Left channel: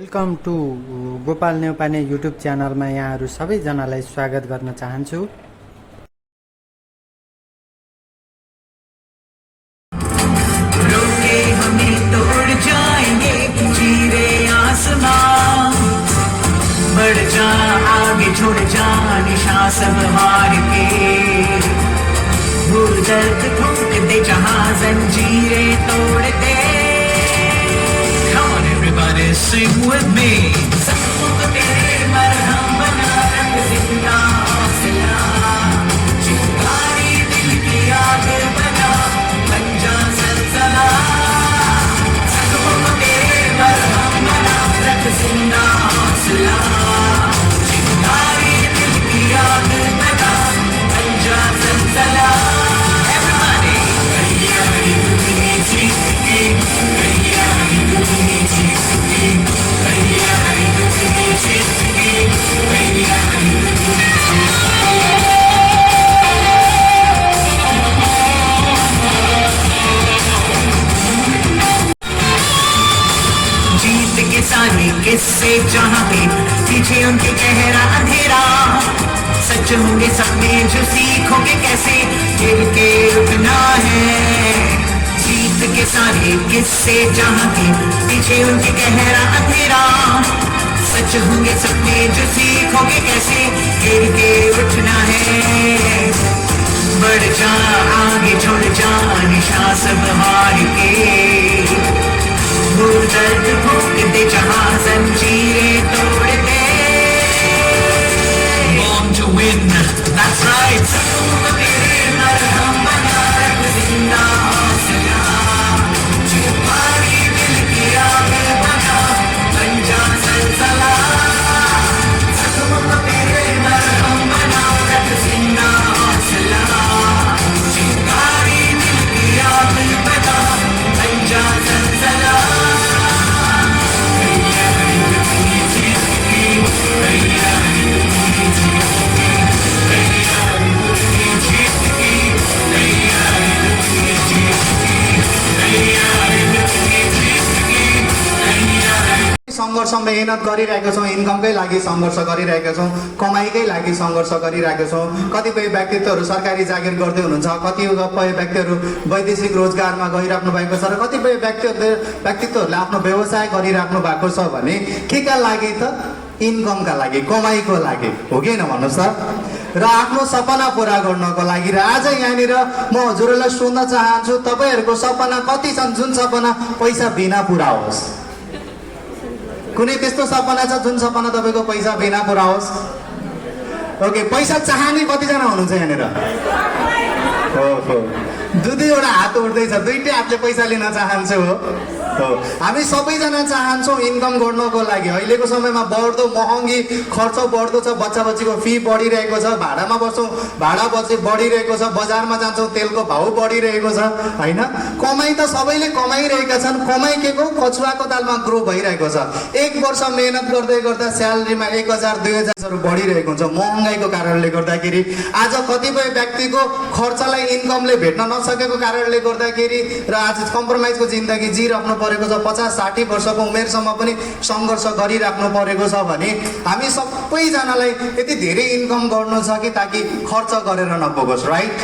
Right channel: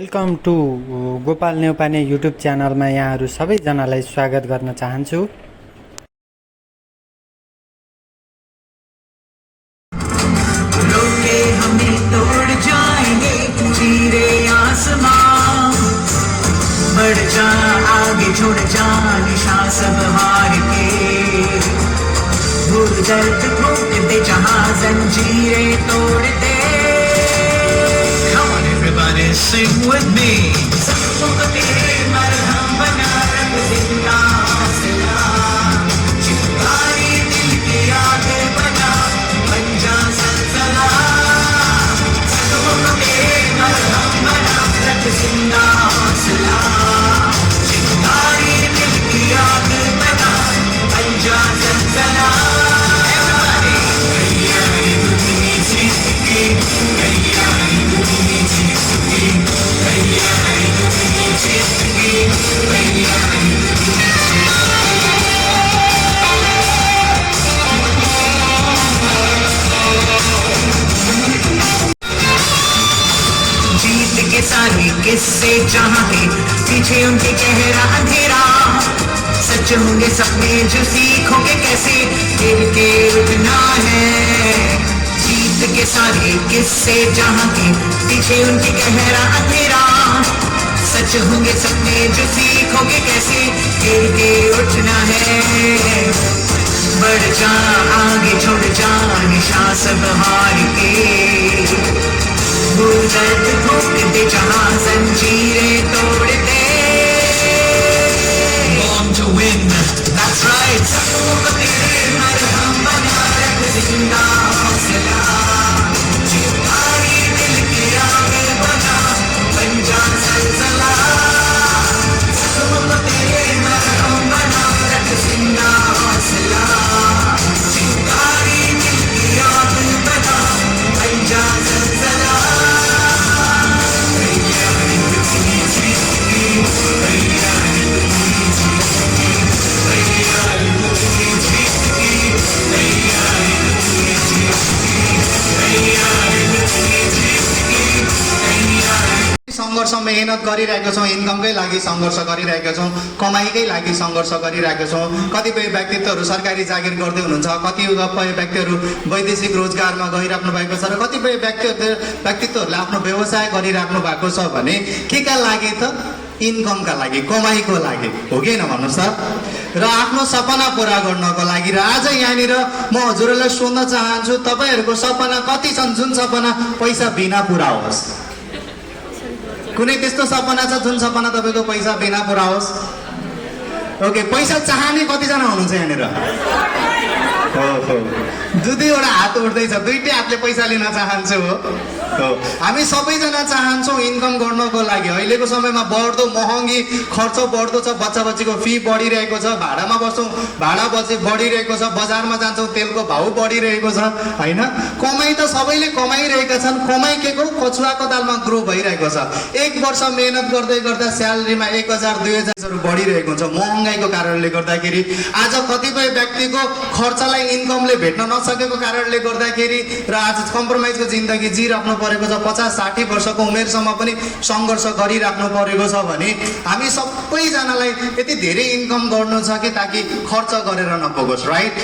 Welcome to Gopal Neupane YouTube च्यानलमा यहाँहरू सबैजनालाई स्वागत गर्न चाहन्छु। रोके हमें तोड़ जाएंगे चीरे आसमां, बढ़ जा आगे छोड़ जा निशा सब हार के, भूल दर्द ठोक दे जहां जंजीरें तोड़ they. Come on everybody sing with me, सबको तेरे मरहम बना रख जिंदा हौसला, चिंगारी दिल की आग बना बन जा सनसना, सबको तेरे मरहम बना रख जिंदा हौसला, चिंगारी दिल की आग बना बन जा सनसना। जीत के सारे किस्से जहाँ पे पीछे उनके चेहरा अंधेरा, सच होंगे सपने जो सीखोगे कैसे खेल के रुकना है। जीत के सारे किस्से जहाँ के पीछे उनके गहरा अंधेरा, सच होंगे सपने जो सीखोगे कैसे खेल के उठना है। बढ़ जा आगे छोड़ जा निशा सब हार के, भूल दर्द ठोक दे जहां जंजीरें तोड़ they. Born to win, that's right, सबको तेरे मरहम बना रख जिंदा हौसला, चिंगारी दिल की आग बना बन जा सनसना, सबको तेरे मरहम बना रख जिंदा हौसला, चिंगारी दिल की आग बना बन जा सनसना। सङ्घर्ष मेहनत गरिरहेका छौँ, इन्कमकै लागि सङ्घर्ष गरिरहेका छौँ, कमाइकै लागि सङ्घर्ष गरिरहेका छौँ। कतिपय व्यक्तित्वहरू सरकारी जागिर गर्दै हुनुहुन्छ, कतिपय व्यक्तिहरू वैदेशिक रोजगारमा गइराख्नु भएको छ र कतिपय व्यक्तित्वहरूले आफ्नो व्यवसाय गरिराख्नु भएको छ भने के का लागि त? इन्कमका लागि, कमाइको लागि हो कि होइन भन्नुहोस् त? र आफ्नो सपना पुरा गर्नको लागि। र आज यहाँनिर म हजुरहरूलाई सोध्न चाहन्छु, तपाईँहरूको सपना कति छन् जुन सपना पैसा बिना पुरा होस्? कुनै त्यस्तो सपना छ जुन सपना तपाईँको पैसा बिना पुरा होस्? ओके, पैसा चाहने कतिजना हुनुहुन्छ यहाँनिर? दुई दुईवटा हात उठ्दैछ, दुईटै हातले पैसा लिन चाहन्छु हो। हामी सबैजना चाहन्छौँ इन्कम गर्नको लागि। अहिलेको समयमा बढ्दो महँगी खर्च बढ्दो छ, बच्चा बच्चीको फी बढिरहेको छ, भाडामा बस्छौँ भाडा बच्ची बढिरहेको छ, बजारमा जान्छौँ तेलको भाउ बढिरहेको छ होइन। कमाइ त सबैले कमाइरहेका छन्, कमाइ के को कछुवाको तालमा ग्रो भइरहेको छ। एक वर्ष मेहनत गर्दै गर्दा स्यालेरीमा 1000 2000 बढिरहेको हुन्छ महँगाइको कारणले गर्दाखेरि। आज कतिपय व्यक्तिको खर्चलाई इन्कमले भेट्न नसकेको कारणले गर्दाखेरि र आज कम्प्रोमाइजको जिन्दगी जिराख्नु परेको छ। 50-60 वर्षको उमेरसम्म पनि सङ्घर्ष गरिराख्नु परेको छ भने हामी सबैजनालाई यति धेरै इन्कम गर्नु छ कि ताकि खर्च गरेर नपुगोस्, राइट?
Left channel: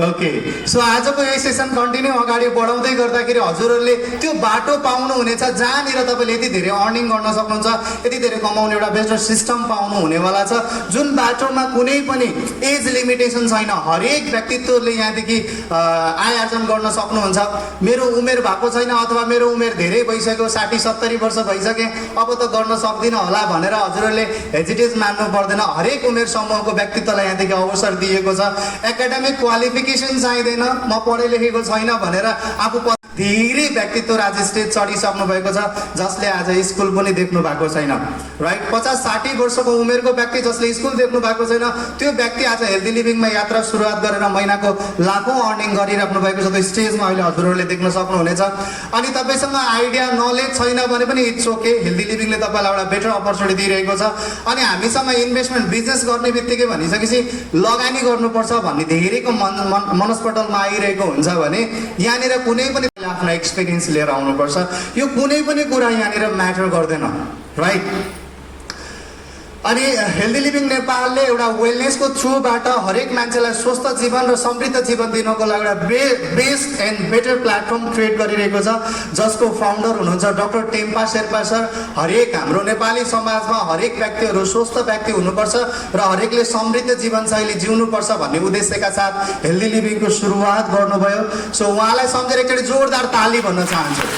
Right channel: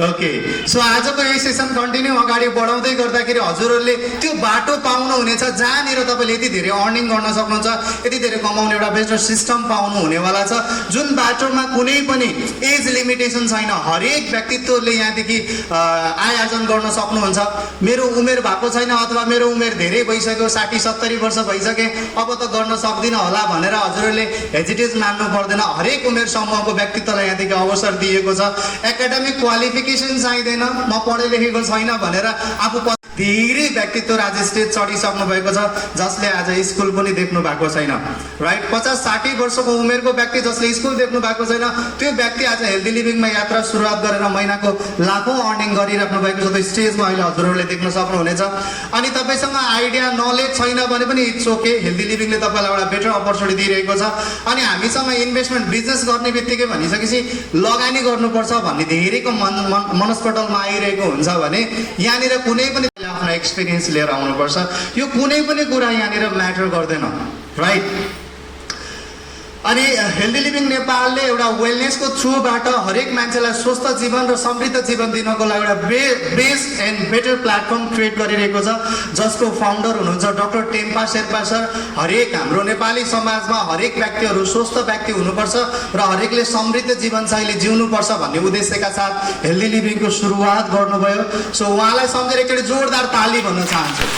ओके, सो आजको यो सेसन कन्टिन्यू अगाडि बढाउँदै गर्दाखेरि हजुरहरूले त्यो बाटो पाउनुहुनेछ जहाँनिर तपाईँले यति धेरै अर्निङ गर्न सक्नुहुन्छ, यति धेरै कमाउने एउटा बेस्ट सिस्टम पाउनु हुनेवाला छ, जुन बाटोमा कुनै पनि एज लिमिटेसन छैन। हरेक व्यक्तित्वले यहाँदेखि आय आर्जन गर्न सक्नुहुन्छ। मेरो उमेर भएको छैन अथवा मेरो उमेर धेरै भइसक्यो, 60-70 वर्ष भइसके, अब त गर्न सक्दिनँ होला भनेर हजुरहरूले हेजिटेट मान्नु पर्दैन। हरेक उमेर समूहको व्यक्तित्वलाई यहाँदेखि अवसर दिएको छ। एकाडेमिक क्वालिफिकेसन चाहिँदैन, म पढे लेखेको छैन भनेर आफू धेरै व्यक्तित्व आज स्टेज चढिसक्नु भएको छ जसले आज स्कुल पनि देख्नु भएको छैन, राइट? 50-60 वर्षको उमेरको व्यक्ति जसले स्कुल देख्नु भएको छैन, त्यो व्यक्ति आज हेल्दी लिभिङमा यात्रा सुरुवात गरेर महिनाको लाखौँ अर्निङ गरिराख्नु भएको छ। त्यो स्टेजमा अहिले हजुरहरूले देख्न सक्नुहुनेछ। अनि तपाईँसँग आइडिया नलेज छैन भने पनि इट्स ओके, हेल्दी लिभिङले तपाईँलाई एउटा बेटर अपर्च्युनिटी दिइरहेको छ। अनि हामीसँग इन्भेस्टमेन्ट बिजनेस गर्ने बित्तिकै भनिसकेपछि लगानी गर्नुपर्छ भन्ने धेरैको मनस्पटलमा आइरहेको हुन्छ भने यहाँनिर कुनै पनि आफ्नो एक्सपिरियन्स लिएर आउनुपर्छ। यो कुनै पनि कुरा यहाँनिर म्याटर गर्दैन, राइट? अनि हेल्दी लिभिङ नेपालले एउटा वेलनेसको थ्रुबाट हरेक मान्छेलाई स्वस्थ जीवन र समृद्ध जीवन दिनको लागि एउटा best and better platform create गरिरहेको छ, जसको फाउन्डर हुनुहुन्छ डाक्टर टेम्पा शेर्पा सर। हरेक हाम्रो नेपाली समाजमा हरेक व्यक्तिहरू स्वस्थ व्यक्ति हुनुपर्छ र हरेकले समृद्ध जीवनशैली जिउनुपर्छ भन्ने उद्देश्यका साथ हेल्दी लिभिङको सुरुवात गर्नुभयो। सो उहाँलाई सम्झेर एकचोटि जोरदार ताली भन्न चाहन्छु।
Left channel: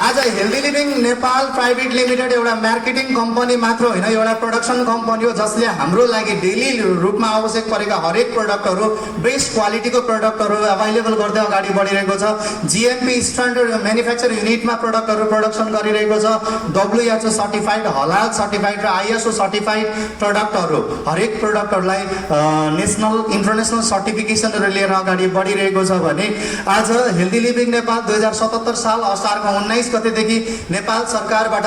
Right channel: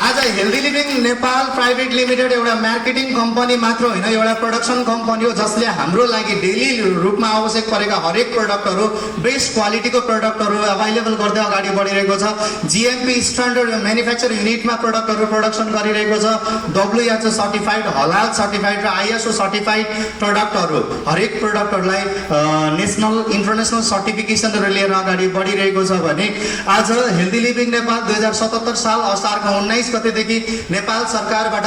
आज healthy living Nepal private limited एउटा मार्केटिङ कम्पनी मात्र होइन, एउटा प्रोडक्सन कम्पनी हो जसले हाम्रो लागि डेली रूपमा आवश्यक परेका हरेक प्रडक्टहरू, बेस्ट क्वालिटीको प्रडक्टहरू अभाइलेबल गर्दै अगाडि बढिरहेको छ। जिएमपी स्ट्यान्डर्ड म्यानुफ्याक्चर युनिटमा प्रडक्टहरू प्रोडक्सन गरिरहेको छ। WHO सर्टिफाइड, हलाल सर्टिफाइड र ISO सर्टिफाइड प्रडक्टहरू हरेक प्रडक्टहरूलाई नेसनल इन्टरनेसनल सर्टिफिकेसनहरू लिएर अगाडि बढिरहेको छ भने आज हेल्दी लिभिङ नेपाल 2077 साल असारको 19 गतेदेखि नेपाल सरकारबाट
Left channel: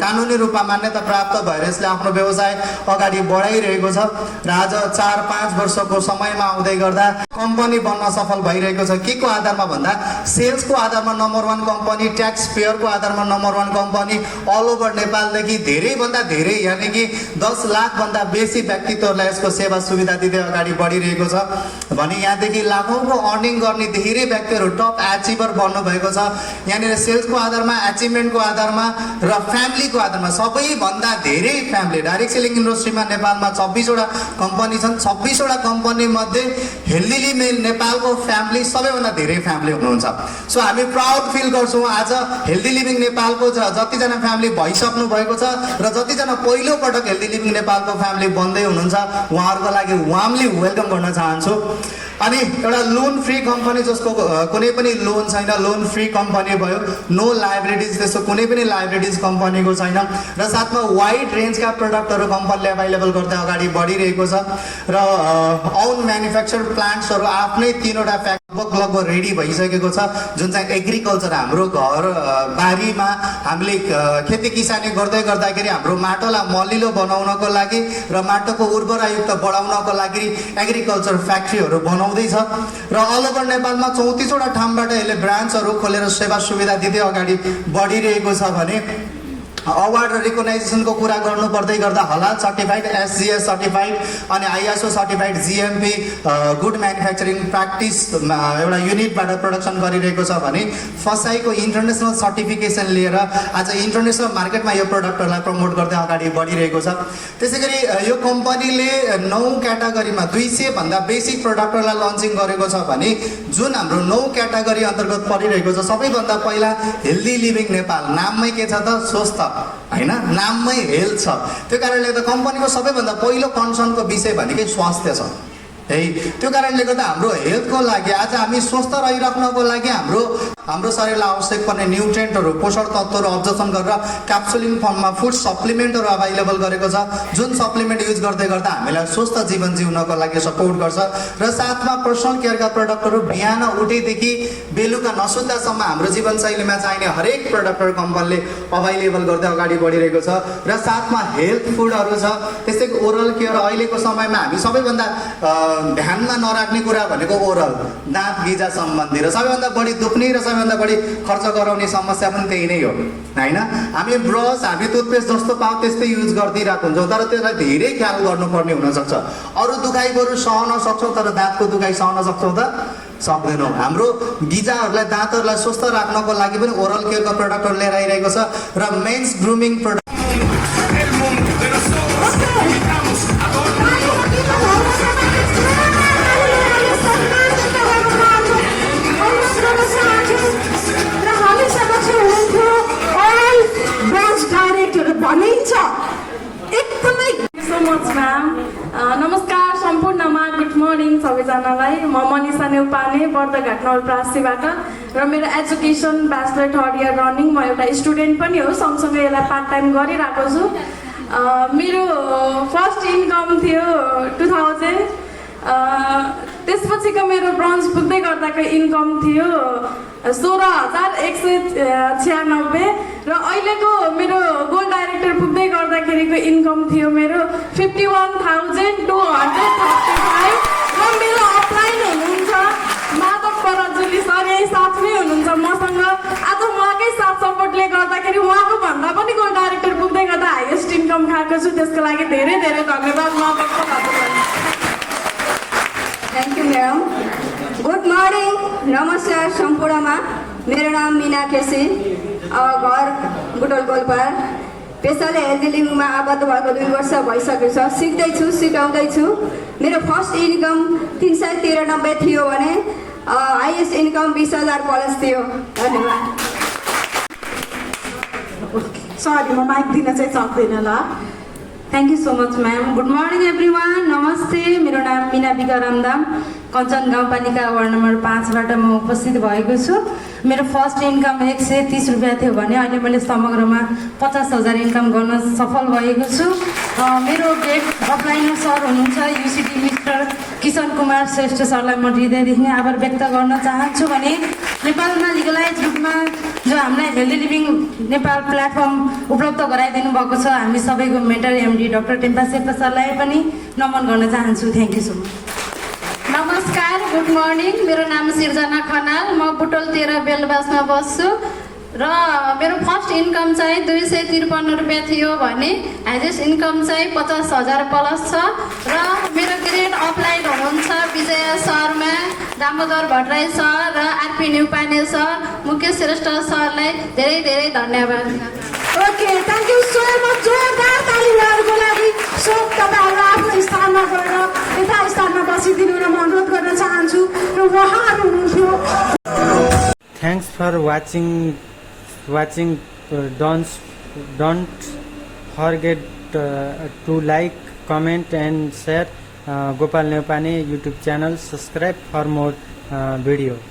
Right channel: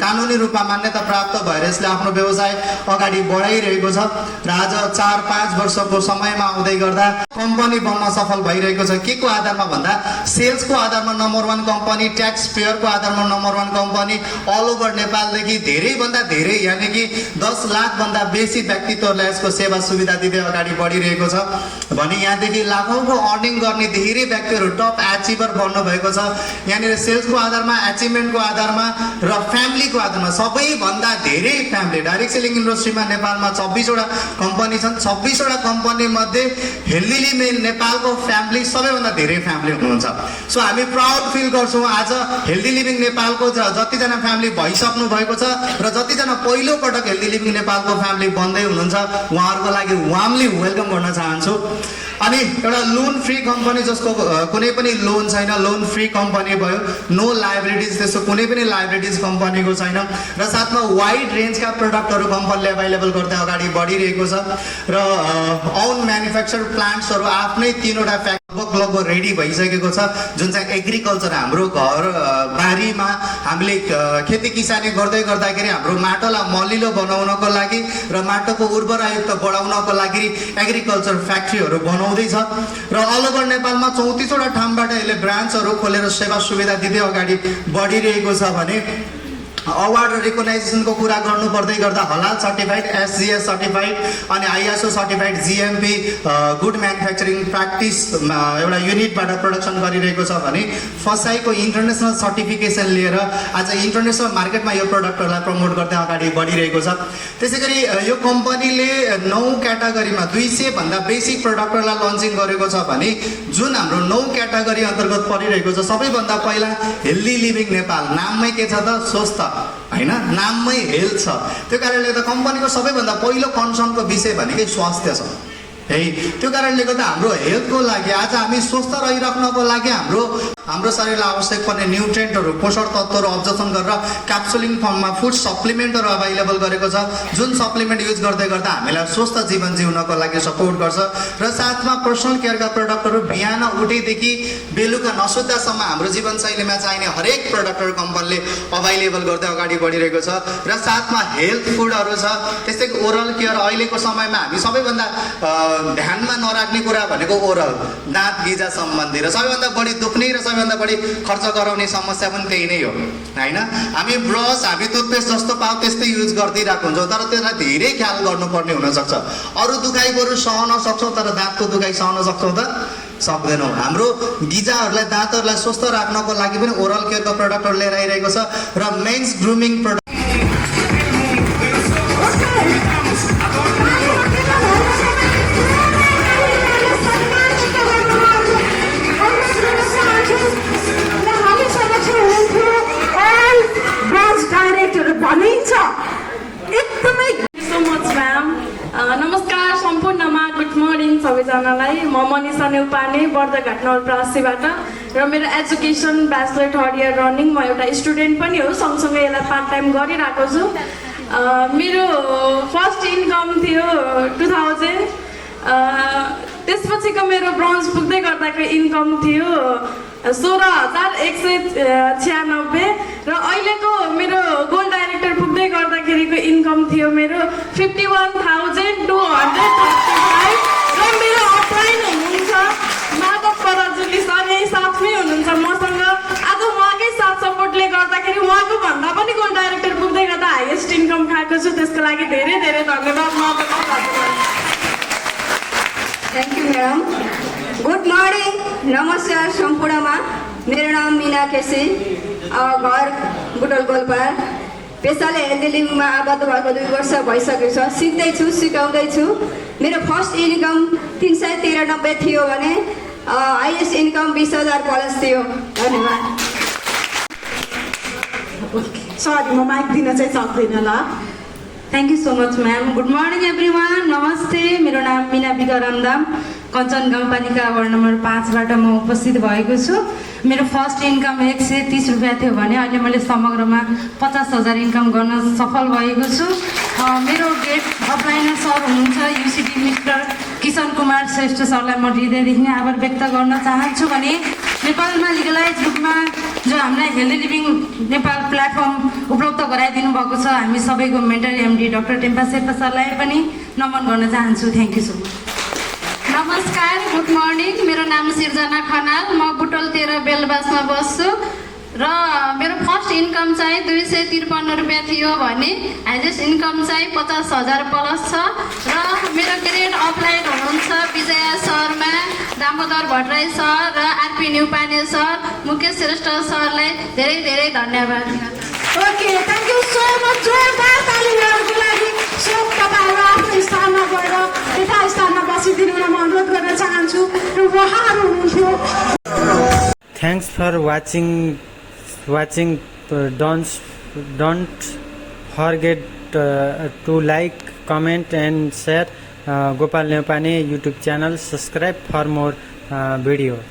कानुनी रूपमा मान्यता प्राप्त भएर यसले आफ्नो व्यवसाय अगाडि बढाइरहेको छ र आज 4-5 वर्षको समयमा आउँदै गर्दा कम्पनी बन्न सफल भइरहेको छ। के को आधारमा भन्दा सेल्सको आधारमा नम्बर 1 कम्पनी, ट्याक्स पेयरको आधारमा नम्बर 1 कम्पनी, अल ओभर नेपालदेखि धेरैभन्दा धेरै यानि कि 10 लाखभन्दा बेसी व्यक्तित्वहरूलाई यसको सेवा सुविधा दिँदै अगाडि बढिरहेको छ भने यहाँदेखि लाखौँको अर्निङ गर्ने धेरै व्यक्तिहरू टप एचिभर बन्नुभएको छ। यहाँनिर सेल्सको आधारमा, एचिभमेन्टको आधारमा र फ्यामिलीको आधारमा सबैभन्दा धेरै फ्यामिली डाइरेक्ट सेलिङ इन्डस्ट्रीमा नेपालमा 26 वटा कम्पनी छन्। 26 वटा कम्पनी मध्ये हेल्दी लिभिङ नेपालको फ्यामिली सबैभन्दा धेरै फ्यामिली हुनुहुन्छ। सो हामी प्राउड फिल गर्छौँ आज हेल्दी लिभिङ नेपालको जतिजना फ्यामिली भइसक्नु भएको छ र जतिजना पहिलो पटक हेल्दी लिभिङ नेपालको फ्यामिली बन्दै हुनुहुन्छ उहाँहरूको लागि वार्मली वेलकम गर्न चाहन्छु। अनि एउटा लोन फ्री कम्पनी जसको कुनै पनि लोन छैन, लोन फ्री कम्पनी भयो, नो लाइबिलिटिज, त्यस्तो कुनै पनि लाइबिलिटिज कम्पनीको छैन र साथमा वाइड रेन्जका प्रडक्टहरू कम्पनीले अभाइलेबल गर्दै अगाडि बढिरहेको छ र आउन म्यानुफ्याक्चर प्लान्ट्सहरू आफ्नै 3वटा फ्याक्ट्री लगभग रेडी भइसकेको छ, जुन चाहिँ एग्रिकल्चर हाम्रो घर बारीमा हामीले खेती किसानी गर्दै गर्दाखेरि हाम्रो माटोलाई मलिलो बनाउनको लागि र माटोको उर्वरायुक्त बढाउनको लागि एग्रिकल्चर फ्याक्ट्रीहरू बनाउँदैछ र अल ओभर नेपालमा 34 वटा ठाउँबाट यसले ब्रान्चहरू खोलेर सेवा सुविधा दिँदै अगाडि बढिरहेको छ भने अवार्ड र रिकगनाइजेसनको कुरा गर्नु पर्दै गर्दा हलाल सर्टिफाइड, SGS सर्टिफाइड अनि ISO certified, GMP good manufacturing practice एउटा युनिटबाट प्रोडक्सन गरिरहेको छ भने फसाईको इन्टरनेसनल सर्टिफिकेसन लिएर आज इन्टरनेसनल मार्केटमा यो प्रडक्टहरूलाई प्रमोट गर्दै अगाडि बढिरहेको छ। त्यसै गरी यो कम्पनीले 9 क्याटेगोरीमा 200 भन्दा बेसी प्रडक्टहरूलाई लन्चिङ गरेको छ भने जुन हाम्रो 9 क्याटेगोरी अन्तर्गत परिरहेको छ सबैभन्दा पहिला हेल्दी लिभिङ नेपाल। नाममै के छ त? स्वस्थ होइन, नाममै हेल्थ छ। त्यो कारणले गर्दा कम्पनीको सबैभन्दा पहिलो कन्सर्नको विषय भनेकै स्वास्थ्य छ है। त्यो कारणले गर्दा हाम्रो हेल्थको लागि आज हामी स्वस्थ रहिराख्नको लागि हाम्रो शरीरलाई आवश्यक पर्ने न्युट्रिएन्टहरू, पोषक तत्त्वहरू अब्जर्भन गरेर क्याप्सुलिङ फर्ममा फुड सप्लिमेन्टहरू अभाइलेबल गरेको छ, जुन सप्लिमेन्ट युज गर्दै गर्दा हामीलाई स्वस्थ जीवन जिउनको लागि सपोर्ट गर्छ र साथमा पर्सनल केयरका प्रडक्टहरू बिहान उठेदेखि बेलुका नसुत्दासम्म हाम्रो जीवनशैलीमा चाहिने हरेक प्रडक्टहरू कम्पनीले अभाइलेबल गर्दै अगाडि बढिरहेको छ र साथमा हेल्थ फुडहरू छ। त्यस्तै ओरल केयर अहिलेको समयमा हामी सबैभन्दा ध्यानमा नराख्ने कुरा भनेको ओरल, दाँत गिजा सम्बन्धी र सबैभन्दा बढी दुख्ने र सबैभन्दा बढी खर्च गराउने समस्या पनि त्यही नै हो होइन। हामी ब्रस, हामी टुथपेस्ट जस्तो पाऊ त्यस्तै युज गरिदिइरहेको हुन्छौँ तर त्यसलाई धेरै ख्याल गर्नुपर्ने हुनसक्छ। अरू दुखाइहरू सहन सक्छौँ तर दाँतको दुखाइ सहन सक्छौँ त? सक्दैनौँ। हाम्रो गिजाहरूलाई, दाँतहरूलाई स्वस्थ राख्नको लागि पनि ओरल केयरको प्रडक्टहरू लिएर आइरहेको छ र मेन्स ग्रुमिङ प्रडक्ट नमस्कार सम्पूर्णमा, गुड मर्निङ सबैजनालाई। म मनिषा नेउपाने बर्दघाट नवलपरासीबाट र मेरो education bachelor 3rd year running. म एउटा स्टुडेन्ट पनि हो, सँगसँगै यसलाई पार्ट टाइम गरिरहेको छु। मेरो फर्स्ट इन्कम थियो 2000, त्यसपछिको मेरो ब्रोन्ज पुग्दै गर्दाको इन्कम थियो 16,196 र अहिलेको मेरो गोल्ड डाइरेक्टर पुग्दै गर्दाखेरिको इन्कम थियो मेरो 51,235 र मेरो अपलाइन हुनुहुन्छ त्यसको लागि धेरै धेरै धन्यवाद। Thank you ma'am. Good morning, नमस्कार सम्पूर्णमा। मेरो नाम मिना केसी, घर बुटोल गोलपार। पेसाले हेल्दी लिभिङमा आबद्ध भएको 2 वर्ष भइसकेको छ। सिक्दैछु, सिकाउँदैछु। मेरो फर्स्ट इन्कम 393 थियो भने हाइएस्ट इन्कम 20,000 प्लस थियो। धन्यवाद। सरी, म माइक दिन चाहिँ सक्दिनँ ल। Thank you so much ma'am. Good morning everyone, नमस्ते। मेरो नाम मिना बिका रामदाम, कञ्चन गाउँपालिका वार्ड नम्बर 5बाट म उपस्थित भएको छु। मेरो फर्स्ट इन्कम 130 रुपियाँ थियो भने अहिले मैले समग्रमा 50,000 इन्कम गर्न सफल भएको छु। मेरो ग्रेड अपलाइनर सर हुनुहुन्छ युसिडी मिस्टर किशन कुमार श्रेष्ठ सरलाई म हृदयदेखि नै आभार व्यक्त गर्न चाहन्छु। भने नेपालमा लिगलाइज रूपमा जो हामीलाई हेल्दी लिभिङ नेपाल प्लेटफर्म उपलब्ध गराइदिनु भएको छ, हामी सबैको mentor MD doctor Tampa Sherpa सरलाई पनि नमन गर्न चाहन्छु। Thank you so much. नमस्कार, गुड मर्निङ। मेरो नाम सिर्जना खनाल, म बुटोल 13 बेलबासमा बस्छु र मेरो फर्स्ट इन्कम चाहिँ 253 रुपियाँ थियो भने हाइएस्ट इन्कम चाहिँ 50,000 प्लस छ। र मेरो ग्रेड अपलाइड हुनुहुन्छ विजय शर्मा, दामोदर भट्टराई सर र आरपी न्युपाने सर, मुकेश श्रेष्ठ सरलाई धेरै धेरै धन्यवाद। Okay, thank you so much. जोरदार तालीहरूको लागि सब तपाईँहरू आफ्नो स्थानमा गएर यता स्थानमा बसिदिनु र म अनुरोध गर्न चाहन्छु र उहाँहरू हुनुहुन्थ्यो। Thanks for watching. Don't forget to like, comment and share Gopal Nepane YouTube channel. Subscribe for more videos.